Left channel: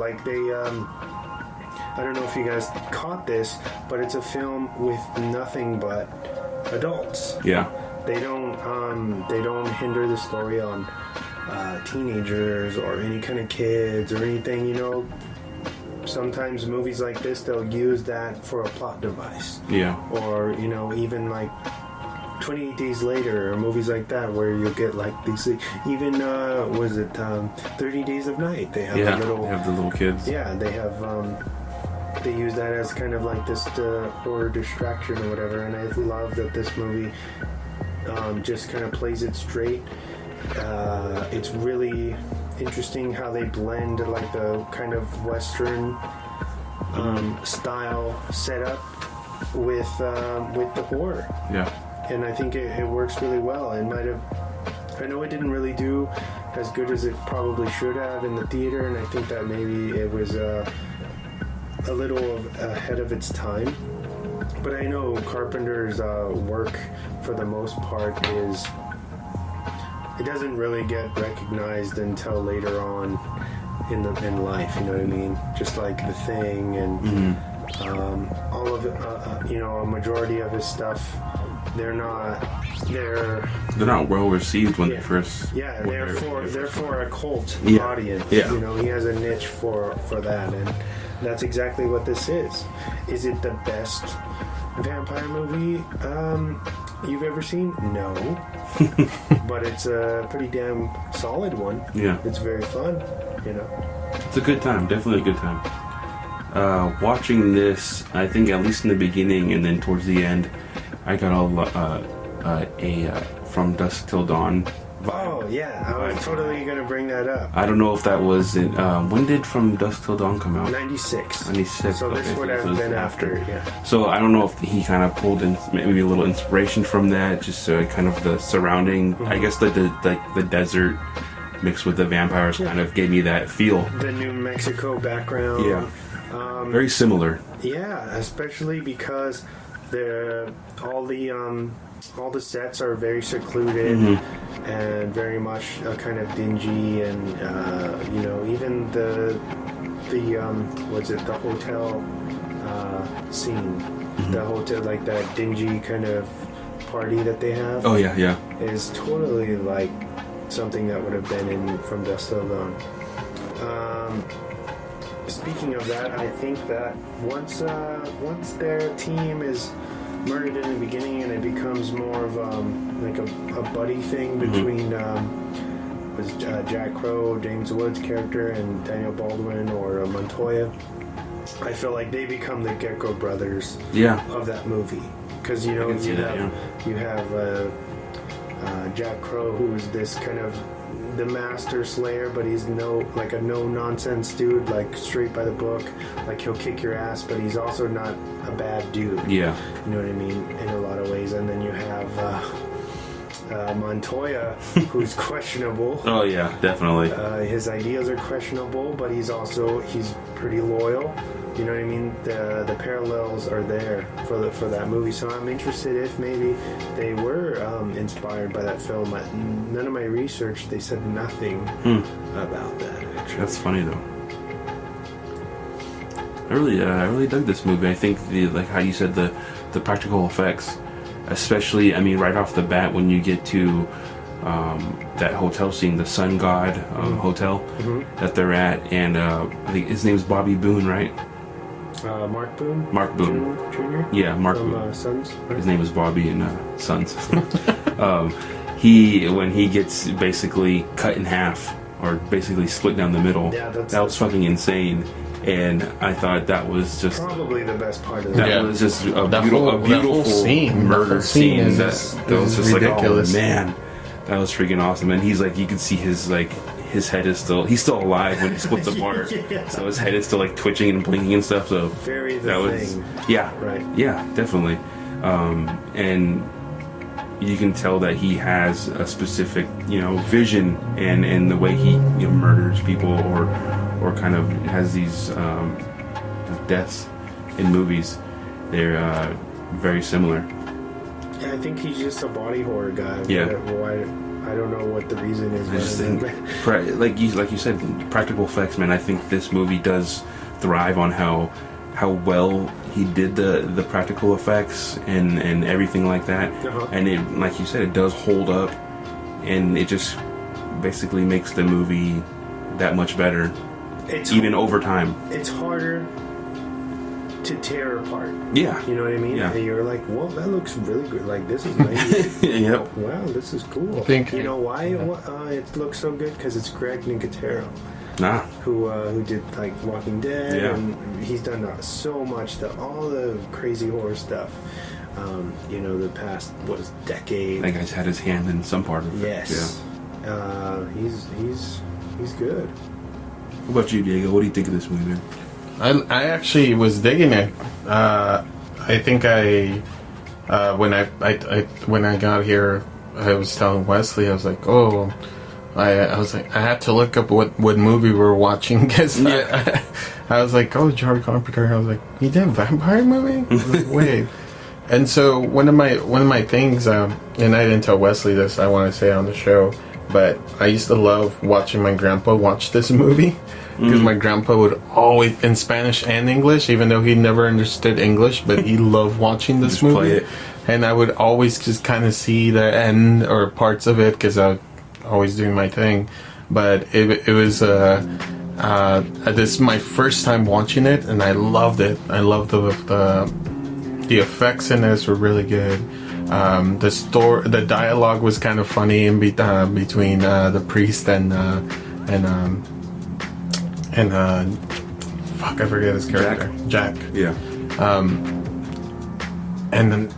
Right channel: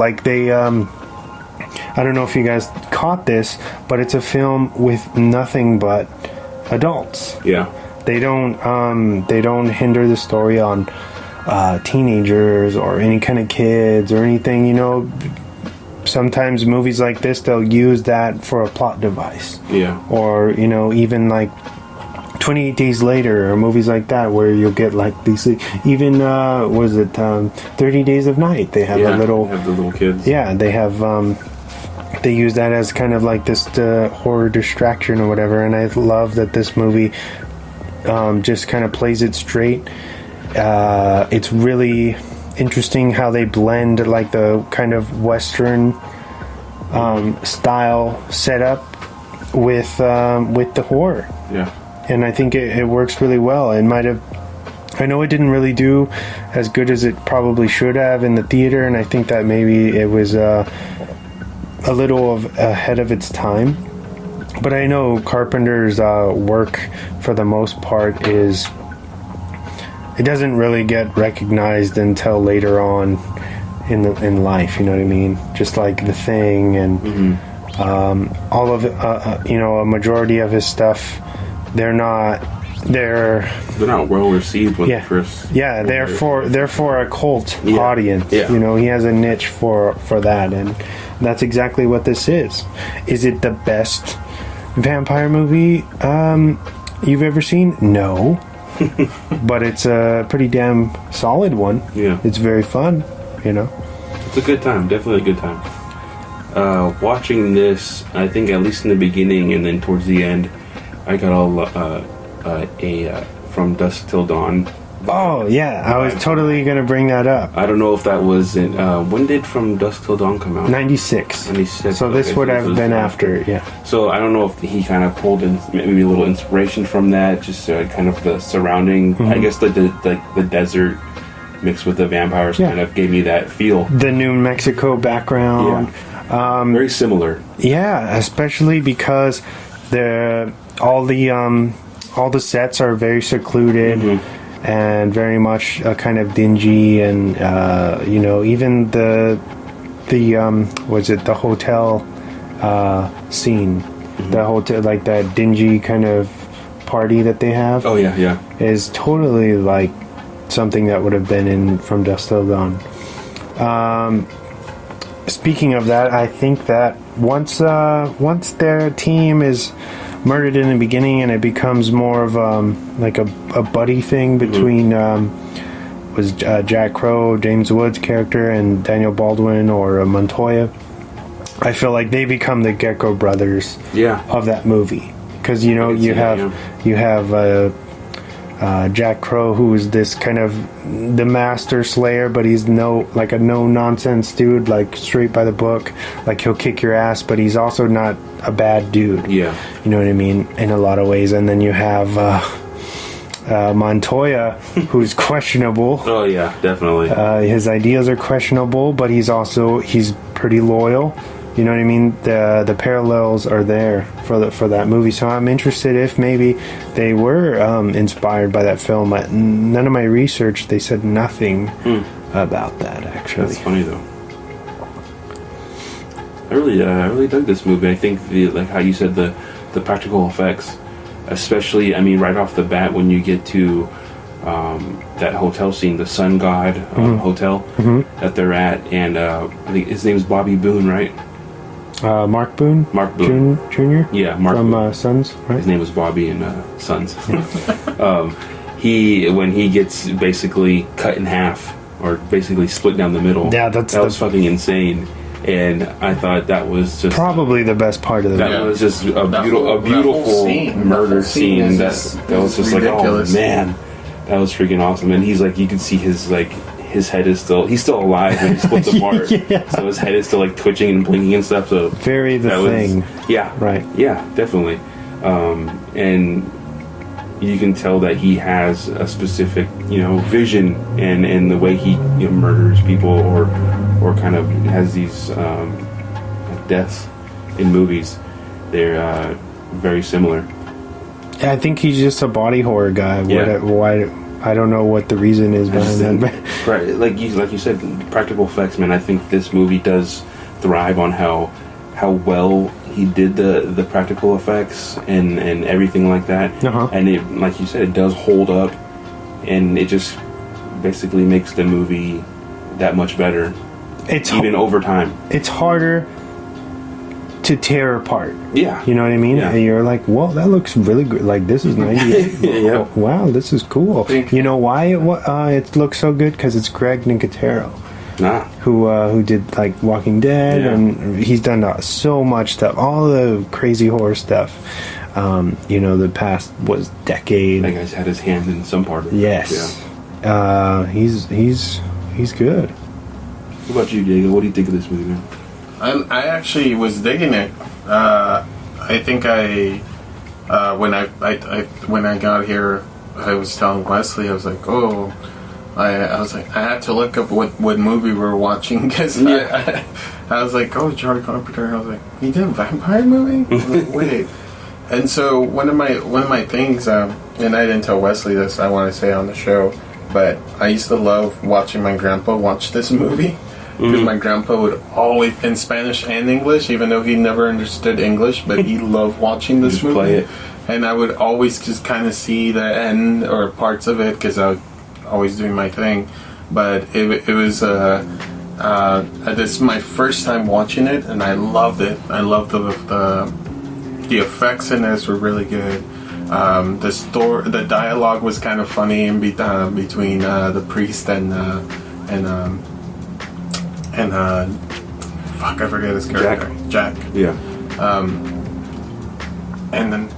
like they I don't know if you guys caught this, but it's a film with nothing but adults. Yeah. They don't hinder the story on teenagers or any kind of kids or anything, you know. Sometimes movies like this, they'll use that for a plot device. Yeah. Or, you know, even like 28 Days Later or movies like that where you'll get like these, even, 30 Days of Night. They have the little kids. Yeah, they have, they use that as kind of like this horror distraction or whatever. And I love that this movie just kind of plays it straight. It's really interesting how they blend like the kind of Western style setup with the horror. Yeah. And I think it works really well. It might have, I know it didn't really do as good as it probably should have in the theater, and I think that maybe it was a little ahead of its time. But I know Carpenter's work, for the most part, it doesn't really get recognized until later on in life. You know what I mean? Just like The Thing and all of it, a majority of his stuff, they're not well received when they first. Yeah, they're for a cult audience. Yeah. You know, he has a niche for that, and that's exactly what this is. Is it the best vampire movie you've ever seen? No. But it's a pretty damn solid one. Yeah. It's very fun, you know. It's a good time, definitely a good time. Watching this, I think at least in the beginning and then towards the end, I got all From Dusk Till Dawn. Oh yeah, I was totally gonna bring that up. I don't know if that was in when did From Dusk Till Dawn come out? 96. 96. So this would have been after, yeah. So I don't know if he kind of pulled in maybe a little inspiration from that, just kind of the surrounding. I guess the desert mixed with the vampires kind of gave me that feel. The New Mexico background. Yeah. Very similar. Yeah, especially because all the sets are very secluded. And very much kind of dingy, and even the hotel scene, the hotel, like that dingy kind of party that they have. Oh yeah, is totally like something that would have been in From Dusk Till Dawn. Speaking of that, I think that once their team is murdered in the beginning and it becomes more of like a buddy thing between Jack Crow, James Woods' character, and Daniel Baldwin or Montoya. I feel like they become the Gecko brothers of that movie, because you have Jack Crow, who is this kind of the master slayer, but he's a no nonsense dude, like straight by the book, like he'll kick your ass, but he's also not a bad dude. Yeah, you know what I mean, in a lot of ways. And then you have Montoya, who's questionable. Oh yeah, definitely. His ideas are questionable, but he's pretty loyal. You know what I mean? The parallels are there for that movie. So I'm interested if maybe they were inspired by that film. None of my research, they said nothing about that, actually. That's funny though. I really dug this movie. I think like how you said, the practical effects, especially, I mean, right off the bat when you get to that hotel scene, the Sun God hotel that they're at, and I think his name is Bobby Boone, right? Mark Boone? Mark Boone. Jr.? Yeah, Mark from Boone. Sons, right? His name is Bobby in Sons. When he gets basically cut in half, or basically split down the middle, that was fucking insane. And I thought that was just probably the best part of that. That was just a beautiful murder scene. That was just ridiculous. Like, oh man, that was freaking awesome. And he's like, you can see his head is he's still alive when he splits apart. So his head is still like twitching and blinking and stuff. So very thing. Yeah. Right. Yeah, definitely. And you can tell that he has a specific, vision in the way he murders people or kind of has these deaths in movies. They're very similar. I think he's just a body horror guy. Yeah. I don't know what the reason is behind that. Right, like you said, practical effects, man. I think this movie does thrive on how well he did the practical effects and everything like that. And it, like you said, it does hold up, and it just basically makes the movie that much better. It's even over time. It's harder to tear apart. Yeah. You know what I mean? Yeah. And you're like, well, that looks really good. Like, this is 98. Yep. Wow, this is cool. You know why it looks so good? Because it's Greg Nicotero. Who did like Walking Dead, and he's done so much stuff, all the crazy horror stuff. The past was decade. That guy's had his hand in some part of it. Yes. Yeah. He's good. What about you, Diego? What do you think of this movie, man? I actually was digging it. I think when I got here, I was telling Wesley, I was like, oh. I was like, I had to look up what movie we were watching because I was like, oh, John Carpenter. I was like, he did a vampire movie? I was like, wait. And so one of my things, and I didn't tell Wesley this, I want to say on the show, but I used to love watching my grandpa watch this movie because my grandpa would always, in Spanish and English, even though he never understood English, but he loved watching this movie. Play it. And I would always just kind of see the end or parts of it because I would always doing my thing, but it was this is my first time watching it, and I loved it. I loved the effects in this were really good. The dialogue was kind of funny in between the priest and fuck, I forget his character, Jack. Yeah. And then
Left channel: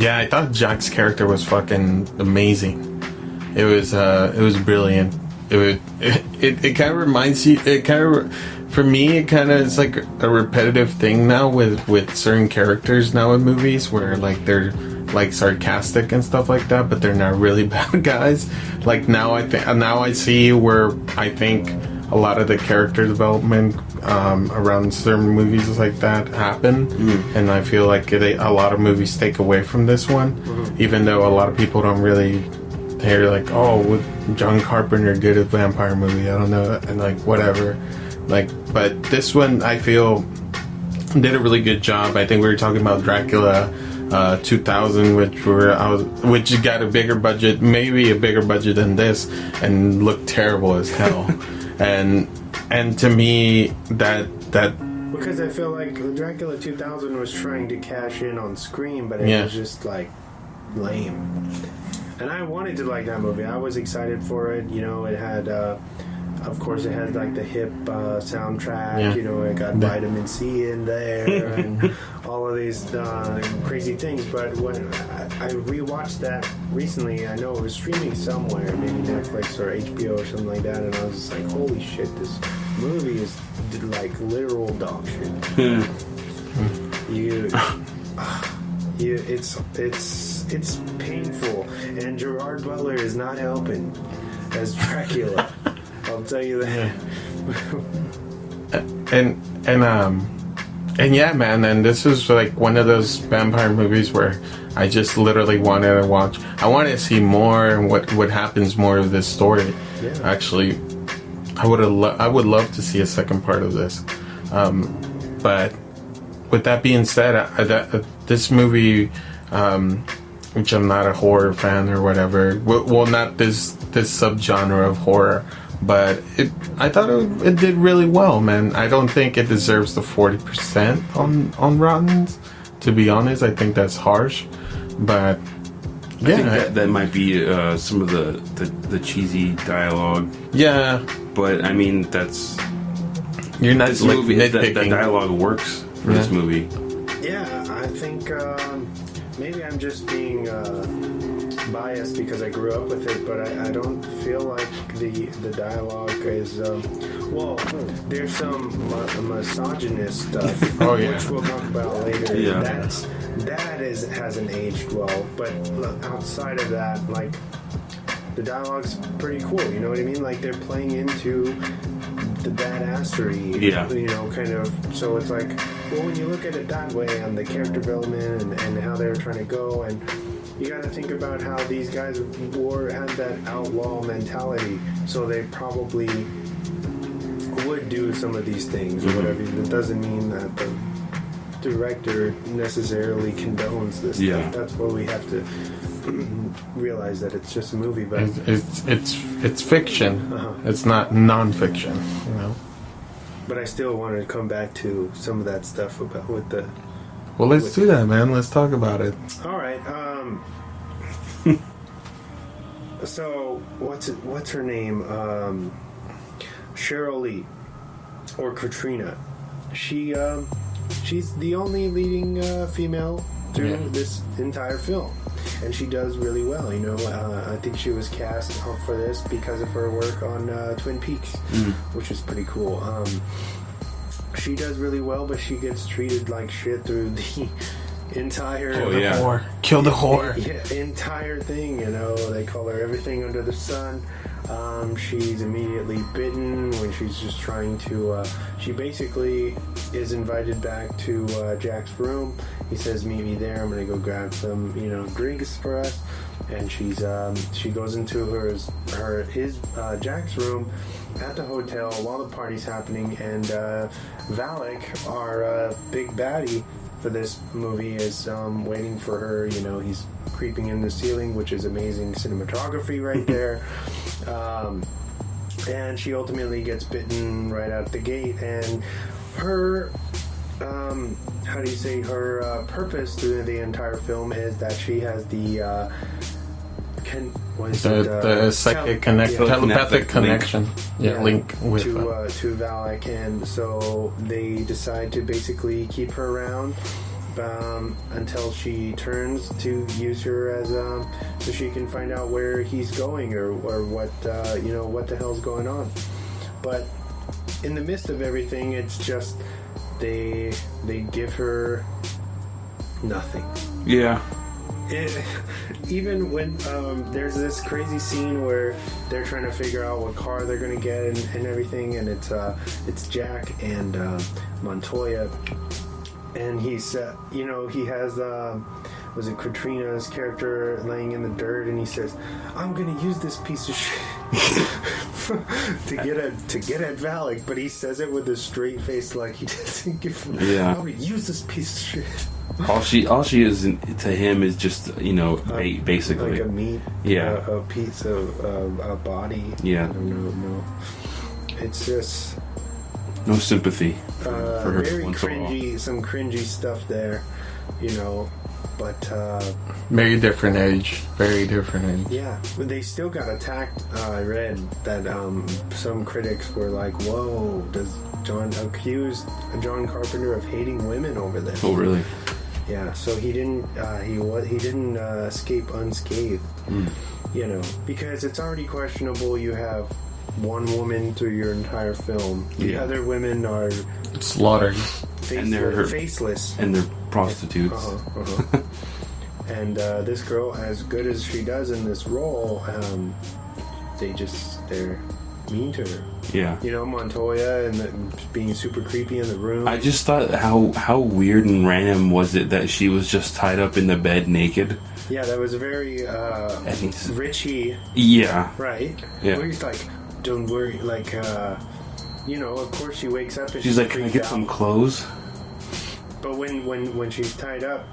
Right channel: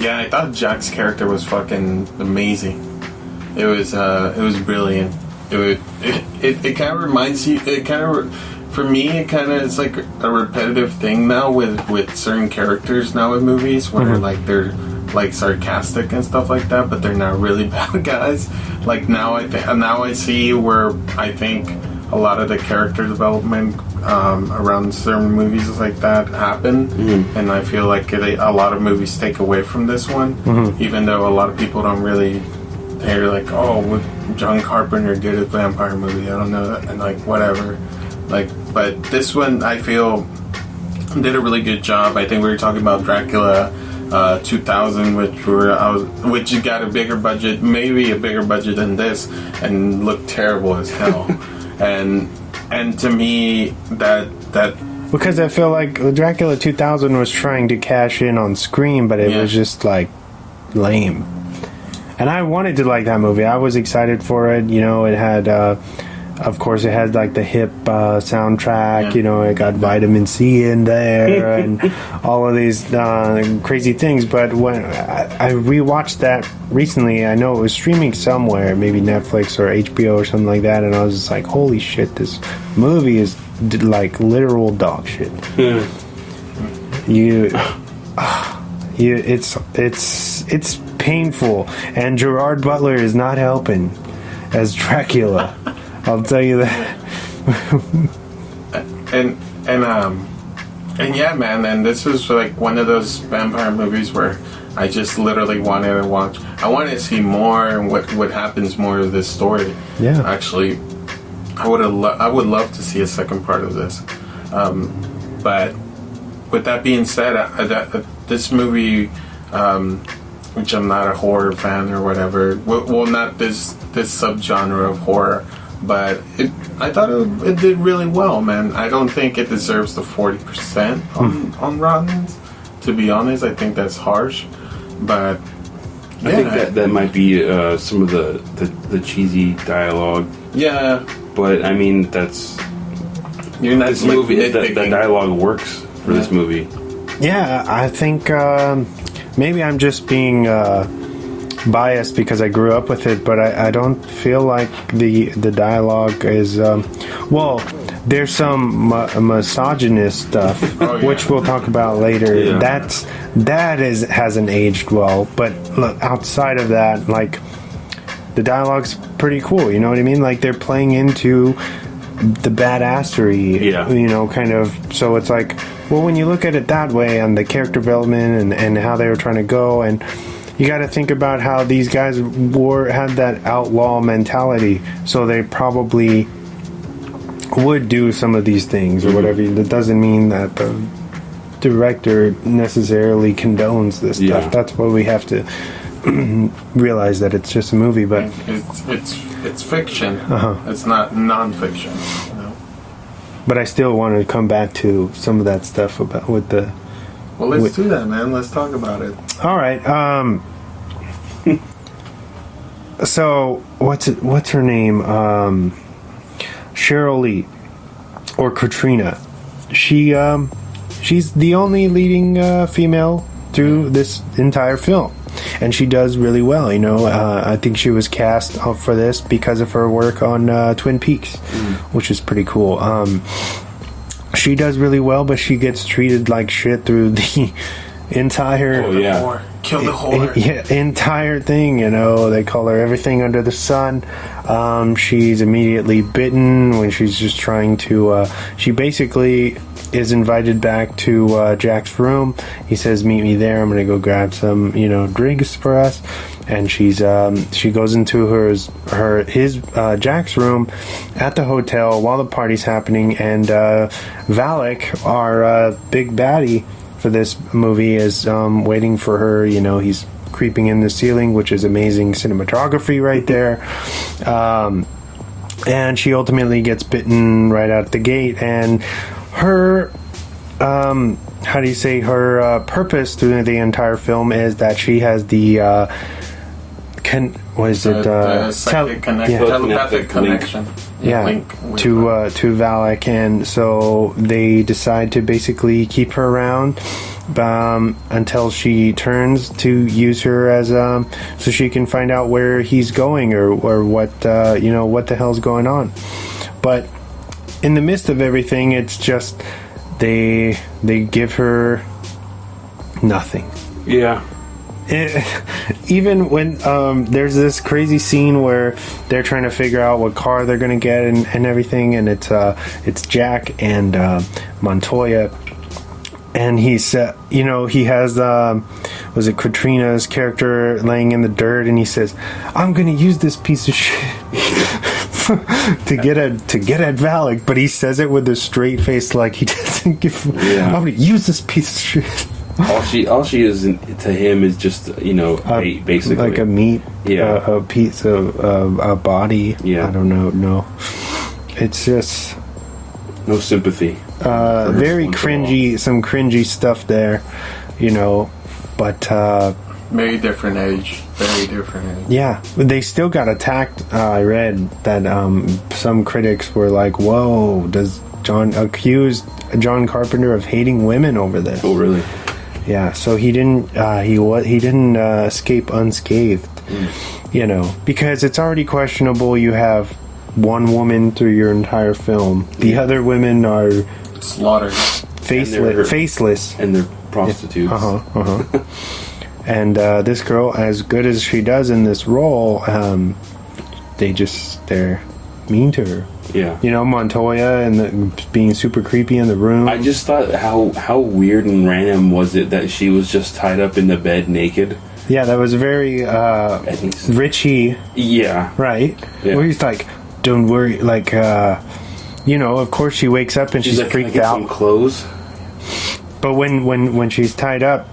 I thought Jack's character was fucking amazing. It was brilliant. It kind of reminds you. For me, it's like a repetitive thing now with certain characters now in movies where like they're like sarcastic and stuff like that, but they're not really bad guys. Like now I see where I think a lot of the character development around certain movies like that happen, and I feel like a lot of movies take away from this one, even though a lot of people don't really. They're like, oh, John Carpenter did a vampire movie. I don't know, and like whatever. Like, but this one I feel did a really good job. I think we were talking about Dracula 2000, which got a bigger budget, maybe a bigger budget than this, and looked terrible as hell. and to me that because I feel like Dracula 2000 was trying to cash in on Scream, but it was just like lame. And I wanted to like that movie. I was excited for it. It had, of course, it had like the hip soundtrack. It got Vitamin C in there and all of these crazy things. But when I rewatched that recently, I know it was streaming somewhere, maybe Netflix or HBO or something like that. And I was just like, holy shit, this movie is like literal dog shit. It's painful, and Gerard Butler is not helping as Dracula. I'll tell you that. and yeah, man. And this was like one of those vampire movies where I just literally wanted to watch. I wanted to see more and what happens more of this story. Yeah. Actually, I would love to see a second part of this. But with that being said, this movie. Which I'm not a horror fan or whatever. Well, not this subgenre of horror, but I thought it did really well, man. I don't think it deserves the 40% on Rotten. To be honest, I think that's harsh, but I think that might be some of the cheesy dialogue. Yeah, but I mean that's you're not this movie. The dialogue works for this movie. Yeah, I think. Maybe I'm just being biased because I grew up with it, but I don't feel like the dialogue is... there's some misogynist stuff, which we'll talk about later. Yeah. That hasn't aged well, but look, outside of that, like, the dialogue's pretty cool, you know what I mean? Like, they're playing into the badassery, kind of. So it's like, well, when you look at it that way and the character development and how they were trying to go, and you got to think about how these guys had that outlaw mentality, so they probably would do some of these things or whatever. That doesn't mean that the director necessarily condones this stuff. Yeah. That's why we have to realize that it's just a movie, but it's fiction. It's not non-fiction, you know. But I still want to come back to some of that stuff about with the. Well, let's do that, man. Let's talk about it. All right. So what's her name? Cheryl Lee, or Katrina. She's the only leading female through this entire film, and she does really well. You know, I think she was cast for this because of her work on Twin Peaks, which is pretty cool. She does really well, but she gets treated like shit through the entire Whore. Kill the whore. Entire thing. You know, they call her everything under the sun. She's immediately bitten when she's just trying to she basically is invited back to Jack's room. He says, meet me there, I'm gonna go grab some, you know, drinks for us. And she goes into his Jack's room at the hotel while the party's happening, and Valak, our big baddie for this movie, is waiting for her. You know, he's creeping in the ceiling, which is amazing cinematography right there. And she ultimately gets bitten right out the gate, and her how do you say, her purpose through the entire film is that she has the psychic telepathic connection. Link with to Valak, and so they decide to basically keep her around until she turns to use her as so she can find out where he's going or what you know, what the hell's going on. But in the midst of everything, it's just they give her nothing. Yeah. Even when there's this crazy scene where they're trying to figure out what car they're gonna get and everything, and it's Jack and Montoya, and he's you know, he has was it Katrina's character laying in the dirt, and he says, I'm gonna use this piece of shit to get at Valak, but he says it with a straight face, like he doesn't give I'm gonna use this piece of shit. All she is to him is just, you know, bait, basically, like a meat, a piece of a body. I don't know. No, it's just no sympathy. Very cringy, some cringy stuff there, you know. But very different age. Yeah, they still got attacked. I read that some critics were like, "Whoa, does John accuse John Carpenter of hating women over this?" Oh, really? Yeah, so he didn't escape unscathed, you know, because it's already questionable. You have one woman through your entire film. The other women are slaughtered, faceless, and they're prostitutes. And this girl, as good as she does in this role, they're mean to her. Yeah. You know, Montoya and being super creepy in the room. I just thought how weird and random was it that she was just tied up in the bed naked. Yeah, that was very Richie. Yeah. Right? Yeah. Where he's like, don't worry, like, you know, of course she wakes up and she's like, freaked "Can I get out. some clothes?" But when she's tied up,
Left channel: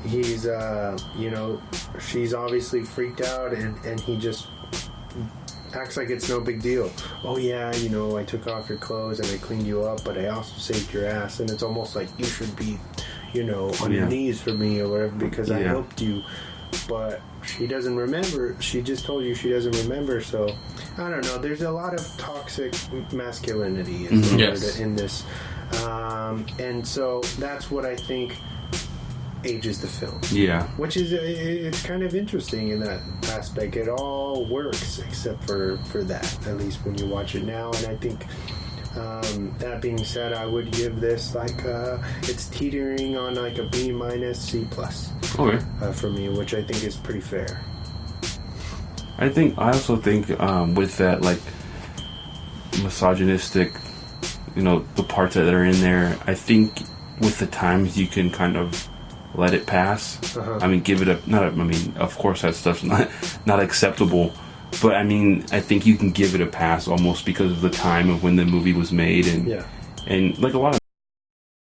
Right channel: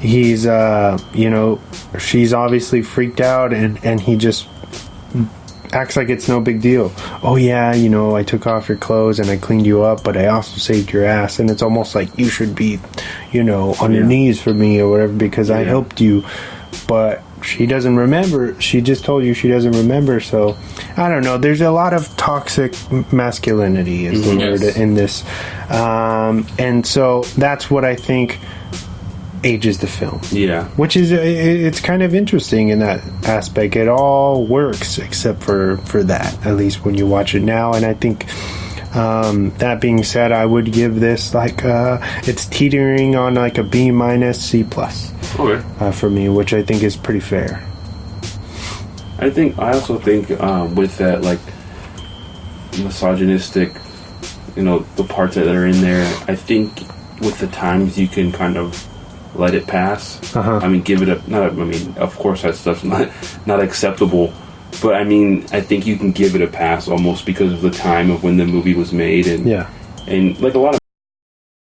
he's, you know, she's obviously freaked out, and he just acts like it's no big deal. Oh yeah, you know, I took off your clothes and I cleaned you up, but I also saved your ass, and it's almost like you should be, you know, on your knees for me or whatever because I helped you. But she doesn't remember. She just told you she doesn't remember. So I don't know. There's a lot of toxic masculinity is the word in this, and so that's what I think ages the film. Yeah. Which is, it's kind of interesting in that aspect. It all works except for that, at least when you watch it now. And I think, that being said, I would give this like, it's teetering on like a B- C+. Okay. For me, which I think is pretty fair. I also think with that, like, misogynistic, you know, the parts that are in there, I think with the times you can kind of let it pass. I mean, give it a not. I mean, of course that stuff's not acceptable, but I mean, I think you can give it a pass almost because of the time of when the movie was made, and like a lot of